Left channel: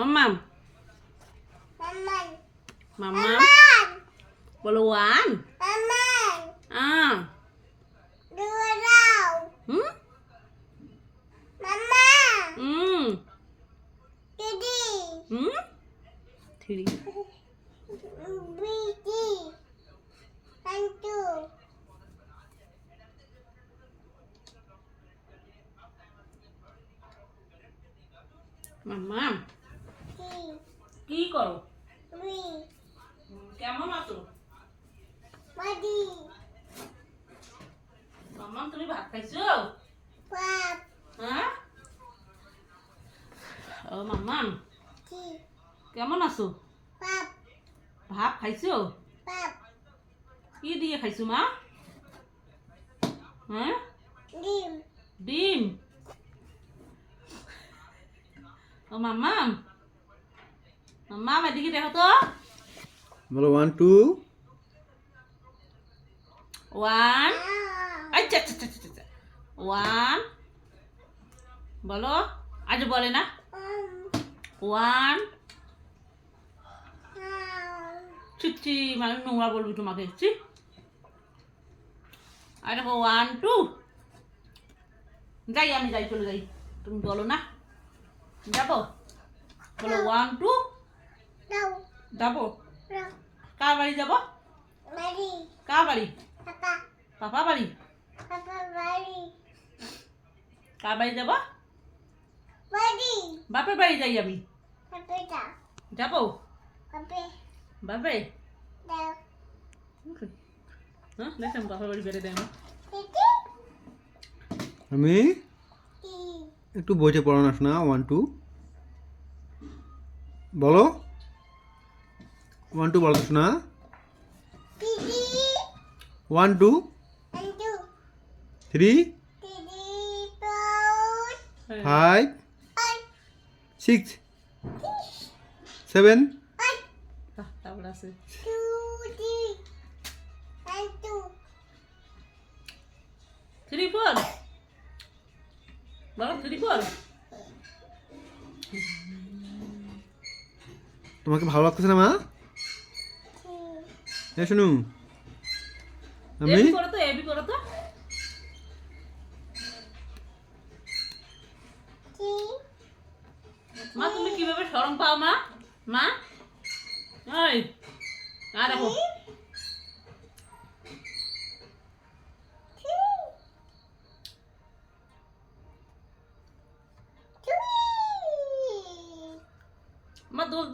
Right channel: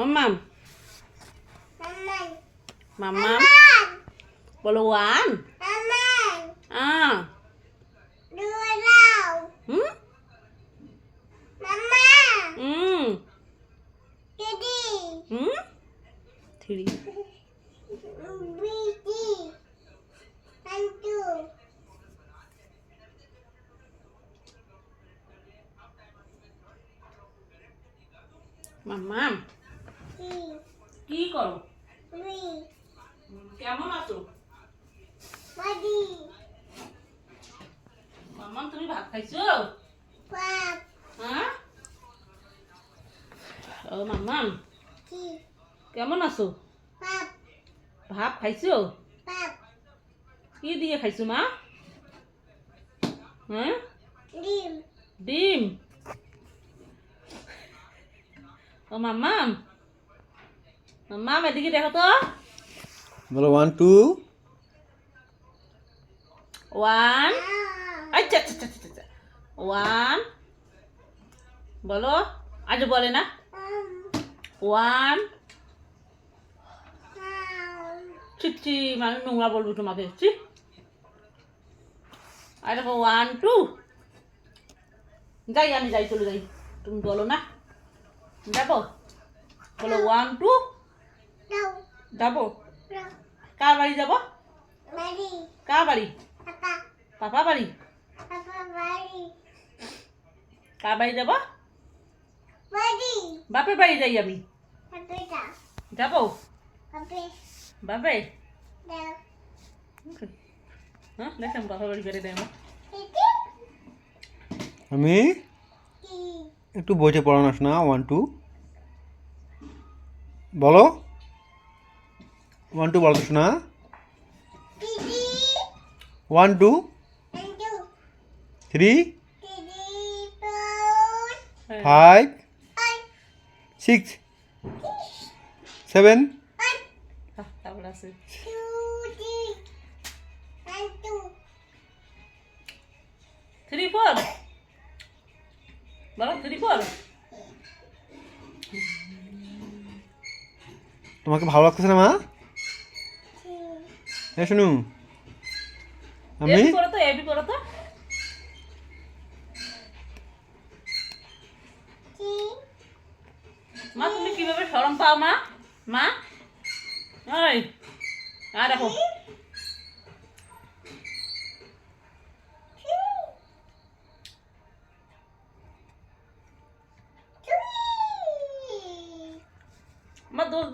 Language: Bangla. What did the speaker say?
মাম্মাম মাম্মাম বলো ওয়ান হুম হুম হুম থ্রি মাম্মাম কি করো কেমন আছো মাম্মাম তুমি ভাত খাইছো হ্যাঁ ও মাম্মাম কেমন আছো ভাত খাইছো কি দিয়ে খাইছো মা হ্যাঁ ডিম ও মাম্মাম মাম্মাম এদিকে দেখো তো বলো 1 2 ওয়ান আচ্ছা আচ্ছা আচ্ছা আচ্ছা ওয়ান বলো আজ বলে না ওয়ান চিচ্ছি মানে নোংরা বলবো তোমাকে চি আর দেখো 1 2 যাই আমি যাই চলে যাই তুমি বলো না যাবো বলো 1 2 যাবো কার বাড়ি যাবো কার বাড়ি পাপা বাড়ি কার বাড়ি যাবো বাপের বাড়ি যাই আমি যাবো বাপে হ্যাঁ দেখেন বাপের বাড়ি বেড়ে দেয় না আমি একটু বইতে পড়ানো শোনা 1 2 বলো 1 2 বলো তো শোনা 1 2 3 5 6 7 তারপর আছে 3 4 বলো 3 4 তোমাকে ভালো লাগতেছে না মা হ্যাঁ শুনু আমি এবি করো তো মা তুমি কিভাবে শরম পাও মা মা ওই আর দেখো মা দোষ